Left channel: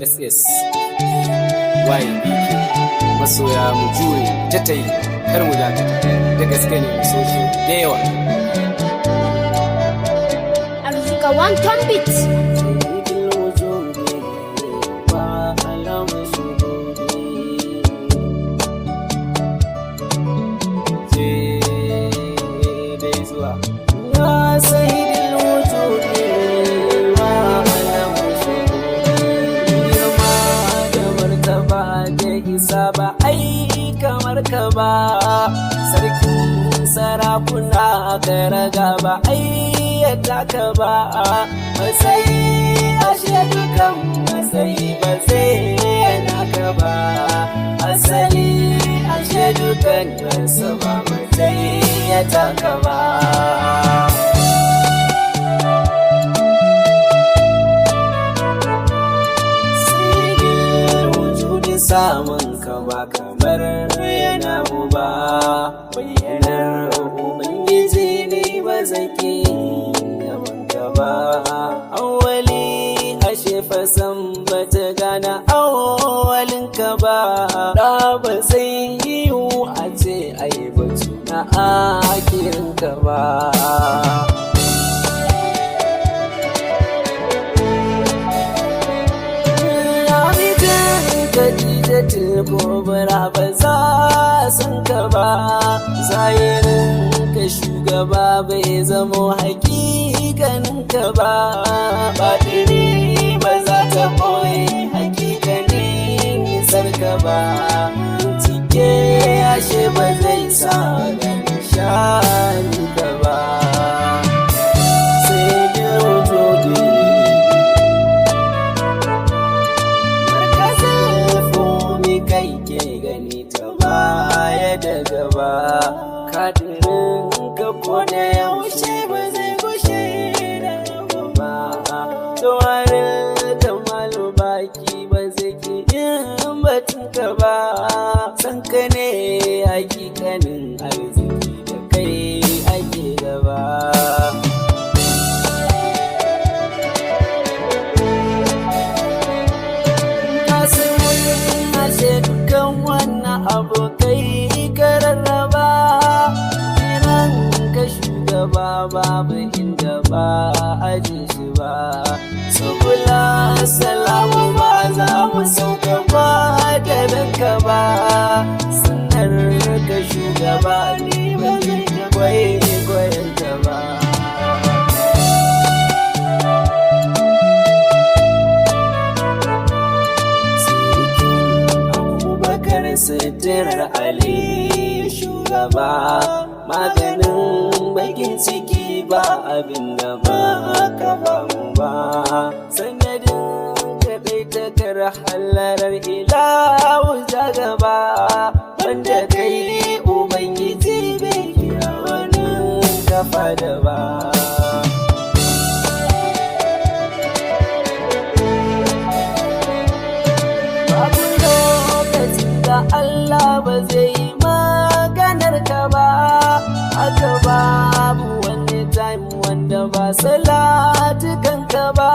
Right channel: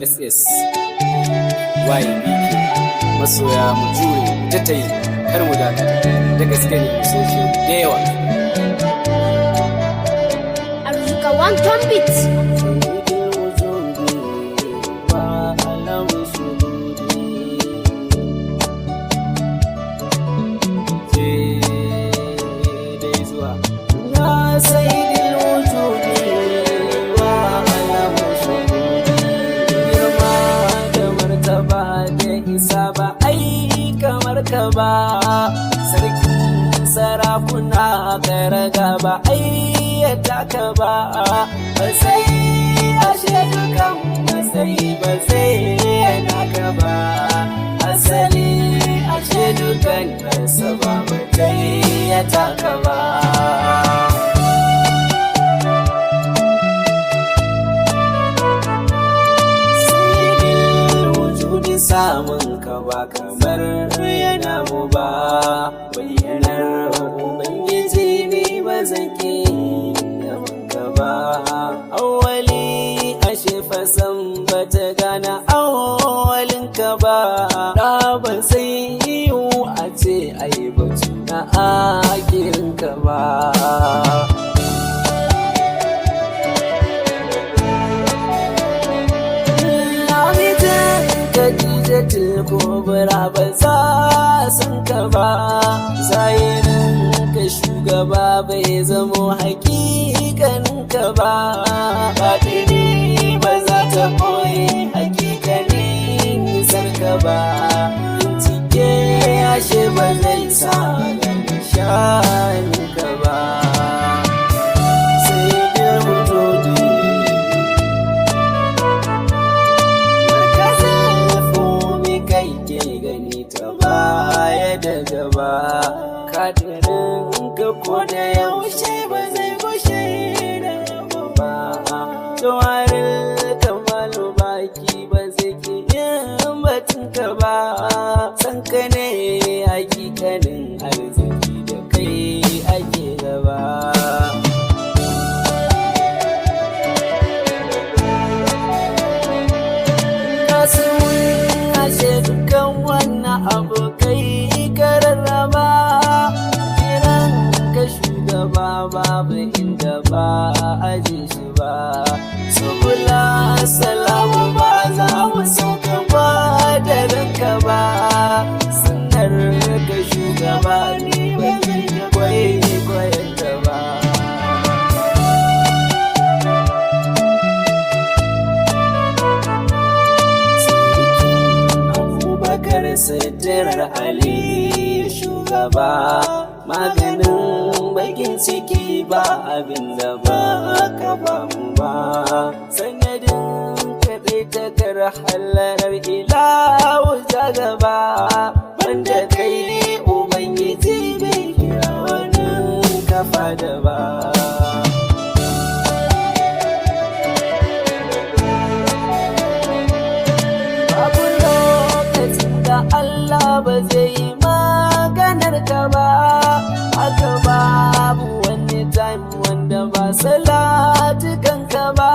SS YBK masoya mu jure ta tayi kar mu dakata da gaske ne mu so shi da yawa. Arzika one ton beat. Sayyidul wujudi wa alam shuhudi je dai zuwa ya sayyidul wujudi wa alam shuhudi girma da martaba da isa ba ai kamar ka ba sarkin sarakuna ka raga ba ai ya taka ba matsayi ashe dukan matsayi ba zai yana ka ba asali ashe dukan rasa ba matsayi ya taka ba. Samun ka ba kamar yana mu ba bayyanar ubangiji ne ba zaki yaban ka ba awwali ashe fasan ba ta gana awwalin ka ba da ba zai yiwu a ce ai batu na akirin ka ba. Khadijatul Kubra ba za san ka ba zahirin ka shugaba bai zamo hakikanin ka ba batini ba za ta boye hakikanin nisar ka ba bincike ashe ba zai sa ganin shanin ka ba sai bil wujudi kai ke gani ta baya da gaba kadirin ka ko da yaushe ba zai gushe da rabu ba tawarin kamalu baki ba zai ke yin batun ka ba san ka ne hakikanin arziki da kai ake gaba. Ashe dukan wannan abokai kararraba kiran ka shugaba babu inda ba aje shi ba subula salamu ba za mu sauka ba da ranka ba sanar ka shugaba ne ba zai kwaikwayon ka ba. Bakar sitirar Ali shugaba maganin bakin ciki ba abin da ba ka ba mu ba sanadin kaɗai takar halarar ilahu ta gaba banda kai ubangiji bai kira wani kafa da ba. Da Allah ba zai yi maganar ka ba haka babu wani time wanda ba salatukan ka ba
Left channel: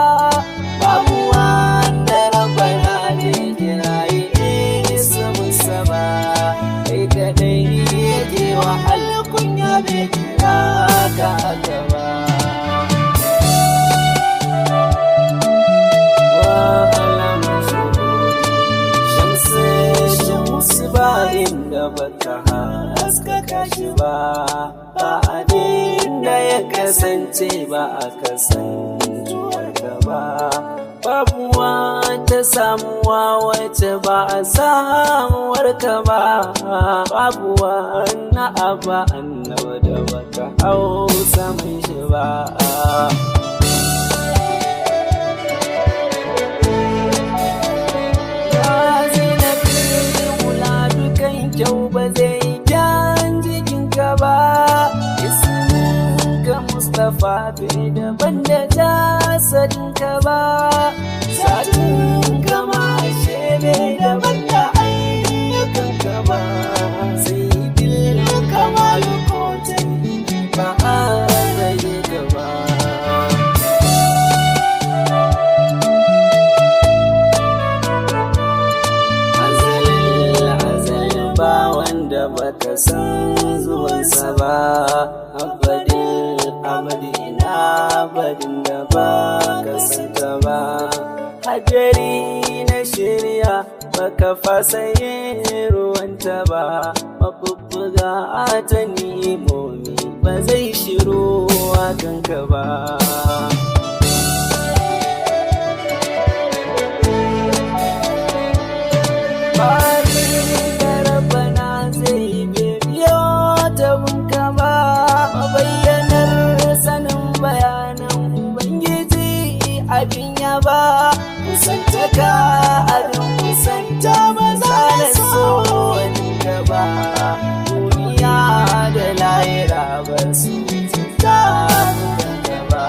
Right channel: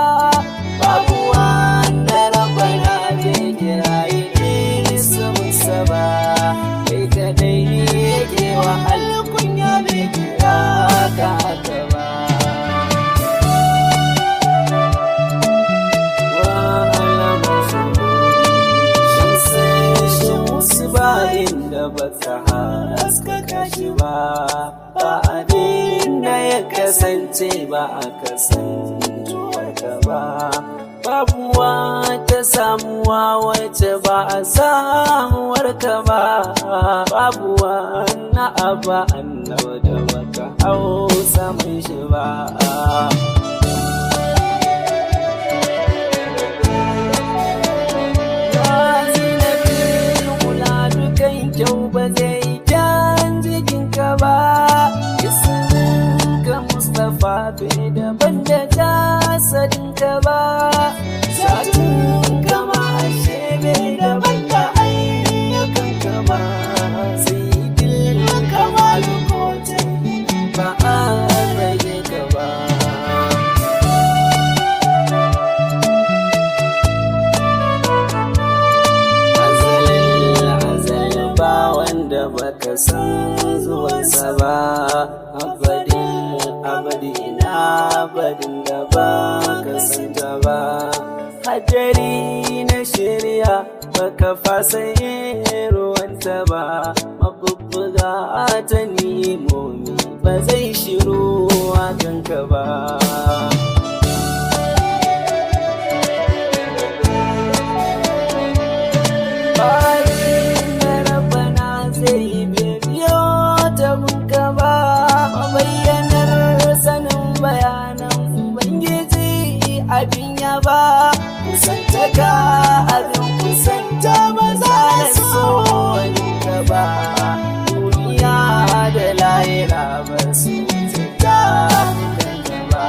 babu wanda rabbana bai kirayi isminsa ba kai kadai yake wa alkunya bai kira ka haka ba wa alama su ba inda ba ta haskaka shi ba ba abin da ya kasance ba a kasantuwar ka ba babu wata samuwa wacce ba a samuwar ka ba babu wani abu annabi da baka hau samun shi ba. Kan kyau ba zai kyan jikinka ba isminka Mustapha bai daban da jasadinka ba zatinka ma ashe bai daban da ayyukanka ba sai dilka malu ko ba a rage ka ba. wanda baka san zuwansa ba, abadin ina abadin da baka santa ba. Hadari na shirya baka fasa yin ruwanta ba, mabubbuga ta nimomi ba zai shiru a kanka ba. Bayan da rabana zai biyo ta bunka ba, mabayyanar sanin bayanan Ubangiji abin ya ba, kusantaka abin kusanta ba za na so waninka ba, duniya da lahira ba su ta kanka ba.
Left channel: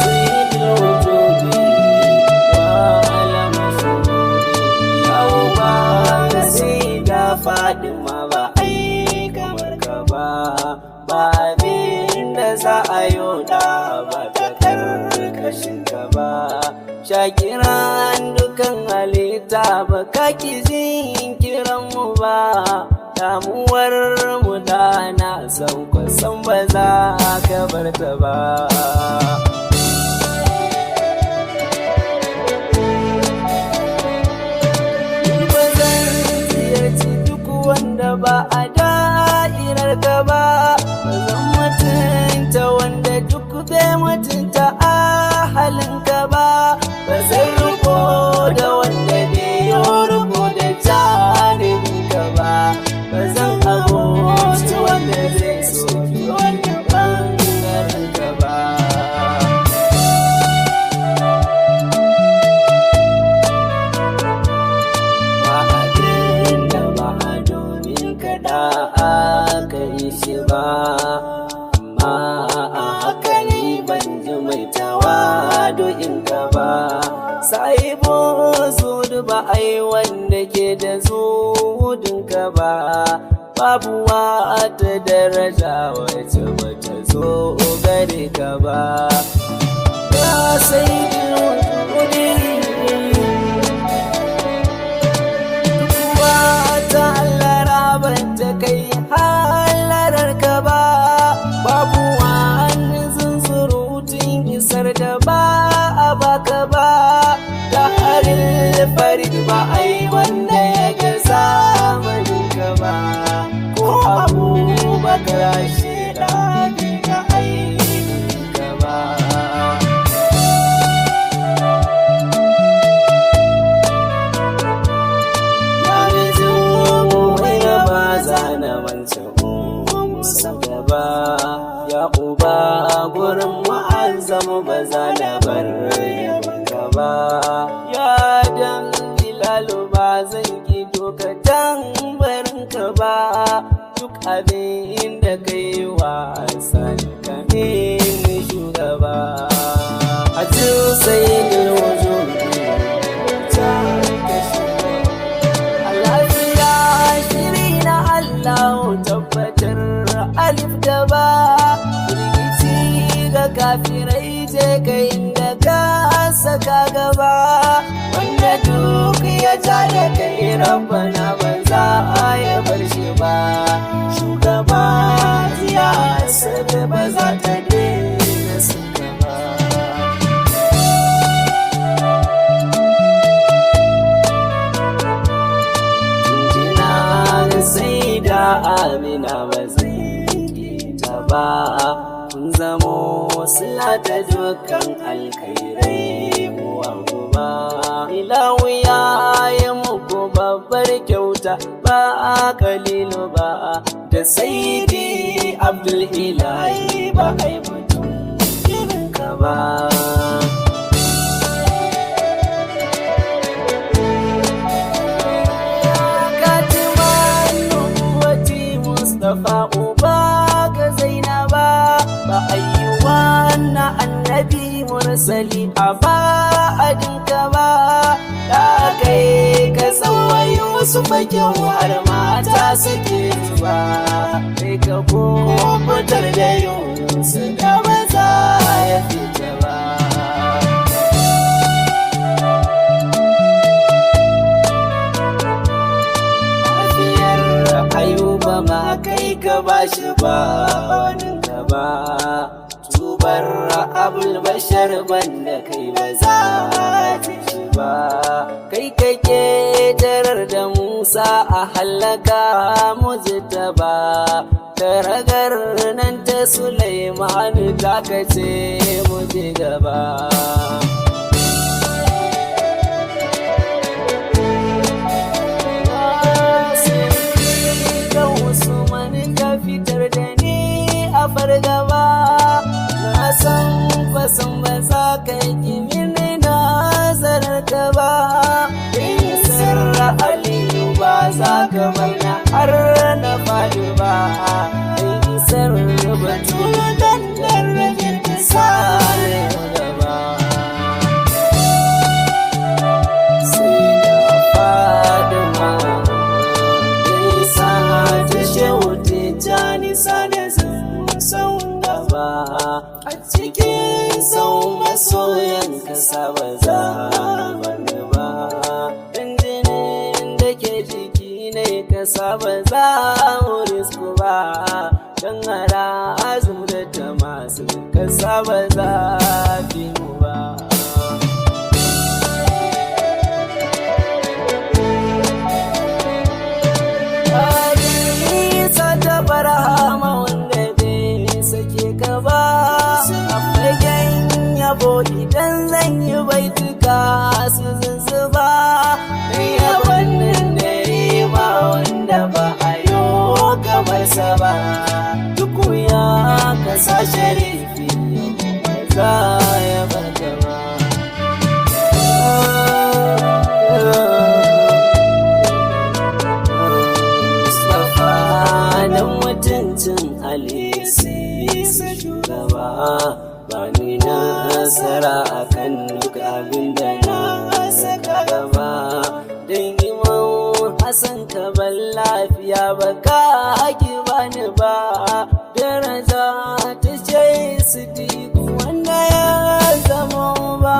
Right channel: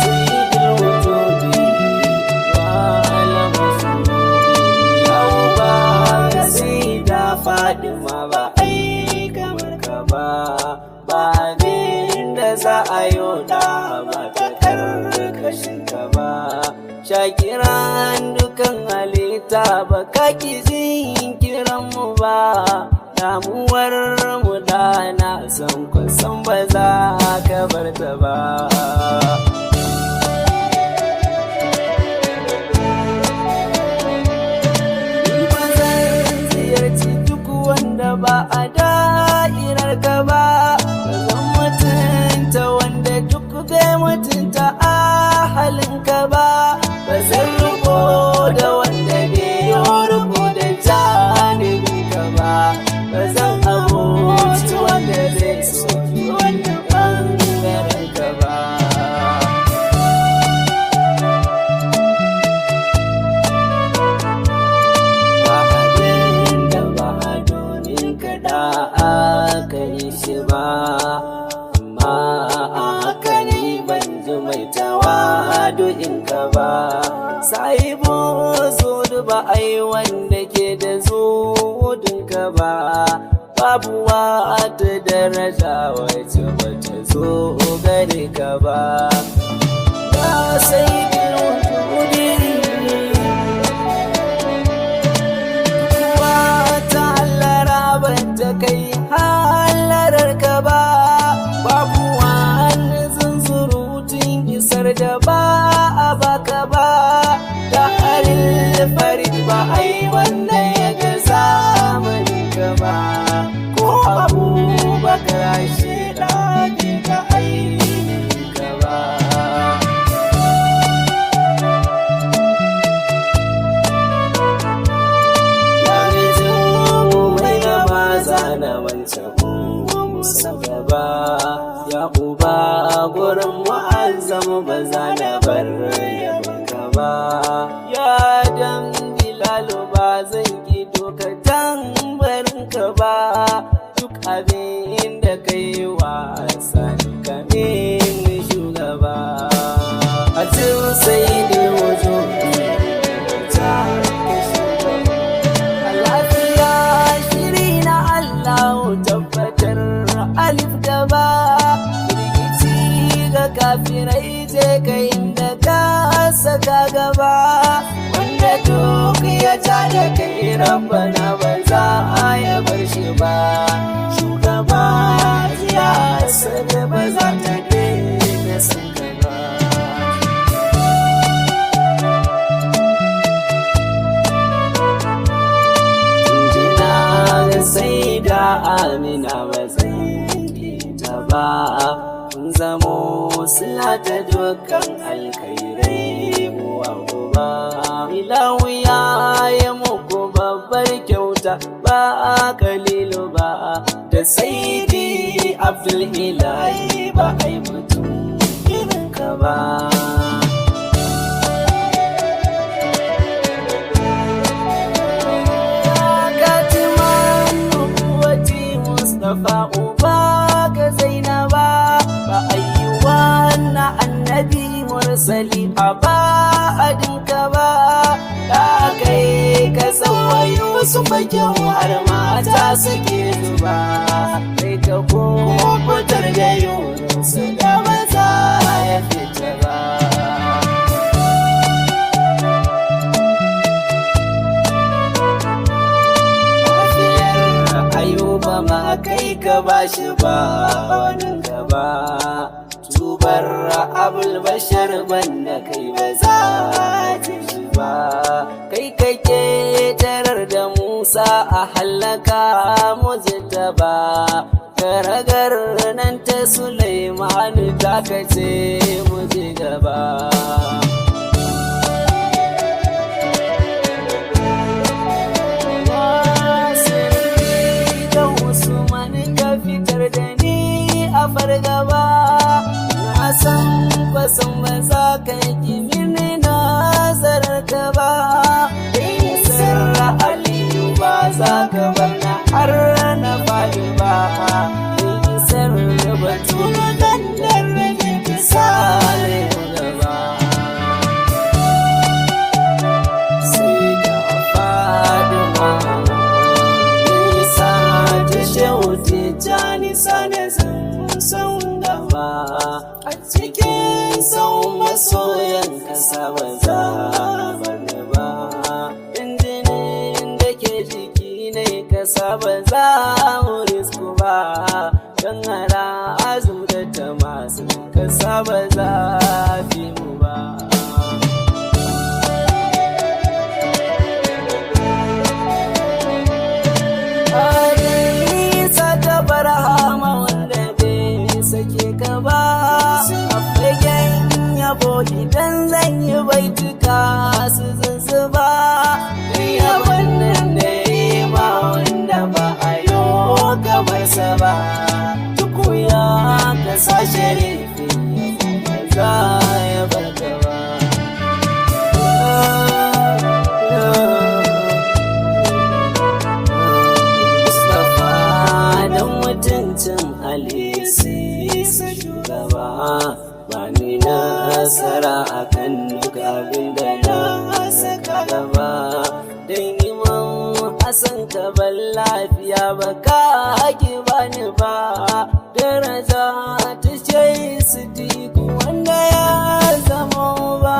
Sai dilwujudi wa alama shudi yau ba ka sai da Fadima ba ai kamar ka ba, ba abin da za a yoda ba ta karkashin ka ba. Shakiran dukan halitta ba ka ki jin kiran mu ba, damuwar mu da na san kwasan ba za ka bar ta ba. Ni ba zan ziyarci duk wanda ba a da'irar ka ba, ba zan mutunta wanda duk bai mutunta ahalinka ba, ba zan riko da wanda bai yi riko da janibinka ba, ba zan abuci wanda zai soki wanda ɓangaren ka ba. Ba abin da ba domin kaɗa aka yi shi ba, amma a haka ne ban ji mai tawadu'in ka ba. Sahibu zudu ba ai wanda ke da zudin ka ba, babu wata daraja wacce ba ta zo gare ka ba. Ya sayyidul wujudi duk wata hallara ba ta kai halarar ka ba, babu wani zunzurutun isar da ba a baka ba. Da harin farid ba ai wanda ya ga zamanin ka ba, ko Abubakar shida bai ga ainihin ka ba. Ya rizin mai raba zana wancan sau gaba, ya uba gurin mu'azzamu ba za na bar yabanka ba. Ya dan Bilalu ba zan ki dokatan barinka ba, duk abin da kai wasa ka min shugaba. A sayyidul wujudi ta ka shugaba, a lafiya shiri na Allah tabbatar alif da ba, firgici ga kafirai je ka inda ka saka gaba, wanda duk ya ja da kai rabbana ba za a ya bar shi ba. Shugaba siyasar ba za ta daina sun ka ba. Jinjina ga sai da Amina ba zai ta ba, kun zamo sila ta dukkan alkhairai uwa uba. Ilahu ya yi muku babbar kyauta ba a kalilu ba, da saidi Abdul Ilahi ba ai mutum irin ka ba. Katiman nubuwati Mustapha uba ga Zainaba, ba ayi wannan annabi mursali a ba'adinka ba. Da kai ka tsawayo su fakin har mata suke zuba, kai ka kubutar da Yunus da ba za ya fita ba. Mafiyar ba ma kai ka bashi ba wani gaba tubar abul bashar banda kai ba za ta shi ba kai kake tarar da Musa a hallaka mujtaba karagar nan ta Sulaiman ta kace mu je gaba Usman ka fitar da ni a fargaba na san fasan ba za ka yi mini nazarar ka ba in sirra Aliyu ba za ka bar na har na faɗi ba in sirra Batulu dandar rajin kisale gaba sai da Fadima Shauti jani sane sun gaba a cikin sau masoyan kasa ba za a bar ni ba injinin da ke jiki ne kasa ba za mu risku ba don hara azum da ta masu kasa ba za fi mu ba ta barahama wanda bai sake ka ba a fagen yabo idan zan yi baituka su zuzzuba don yabon nan da ma wanda ba a yi kamar sa ba duk ya kasa sharifi yabo ba za ya barka ba dan mutuncin Alisa shugaba ba ni nasara akan duk abin da na saka gaba don Imam Hassan ka ban lafiya ba ka ki bani ba daraja ta ce Sidiku wanda ya zama ba